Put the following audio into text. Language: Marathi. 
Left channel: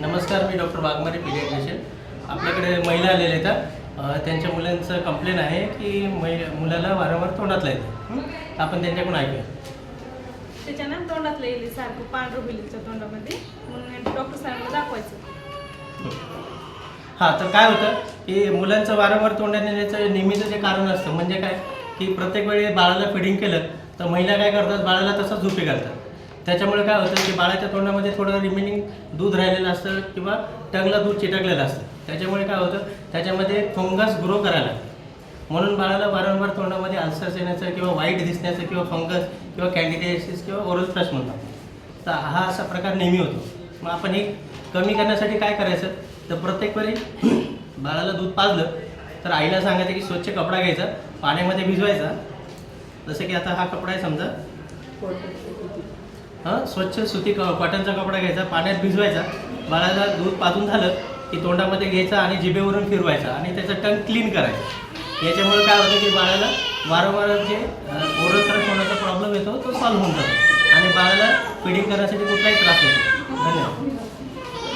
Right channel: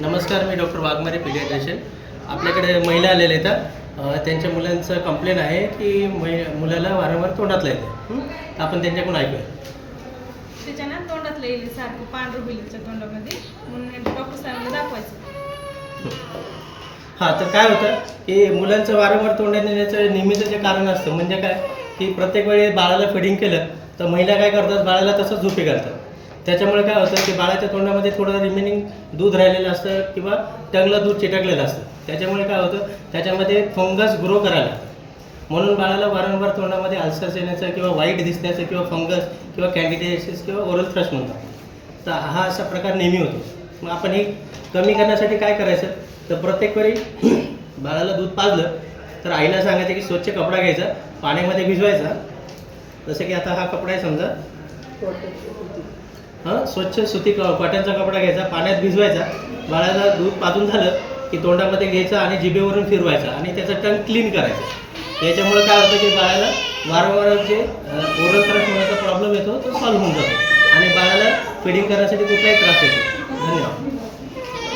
नमस्कार, मी डॉक्टर वाघमारे पीडियाट्रिशियन. आपल्याकडे महिला आलेल्या आहेत. त्यांच्या मुलांचं कंप्लेन आहे की मुलाला वारंवार तोंडातलं येते. आपण त्यांच्याकडून ऐकूया. त्याच्यानं तोंडातलं येईल सारखं पांढरं होईल तोंडामध्ये, म्हणून डॉक्टर साहेबांना दाखवायचं. हां, तर काय होतं की मुलांचं वारंवार तोंडात येण्याचं नेहमीचं जे कारण असतं म्हणजे काय की प्रत्येक वेळी बाळाला फिडिंग केलं तर महिला काय करतात, बाळाला तसंच झोपी घालतात. त्याच्यामुळे काय होतं की बाळाच्या तोंडामध्ये थोडं रिमेनिंग दूध राहिलेलं असतं किंवा टंगलं दूध चिटकलेलं असतं. त्याच्यामुळे काय होतं, त्याच्यामध्ये फंगस ग्रो करायला लागतं. म्हणून बाळाला वारंवार तोंडामध्ये अल्सर्स येण्याचं किंवा वाईट दिसण्याचं किंवा फंगस किंवा कॅन्डिडियासिस किंवा ओरल थ्रश म्हणतात. तर हा असा प्रकार नेहमी होतो. मग आपण हे कमी करण्यासाठी काय करायचं, तर प्रत्येक वेळी बाळाला दूध पाजलं तर आईला सांगायचं की स्वच्छ कपडा घ्यायचा, पाण्यामध्ये भिजवायचा. जसं की आता हा कपडा आहे समजा, स्वच्छ सुती कॉटनचा कपडा घ्यायचा, पाण्यात भिजवायचा. बाळाला दूध पाजून झालं की तोंडामध्ये घ्यायचं आणि जिभेवरून फिरवायचा आणि त्याचं टंग क्लीन करायचं. याच्यामुळे काय होतं की बाळाला वारंवार जे ओरल थ्रश होण्याचा प्रॉब्लेम येतो तो सॉल्व्ह होऊन जातो आणि बाळाला फिडिंग करण्यासाठी कुठलाही त्रास येतो. धन्यवाद.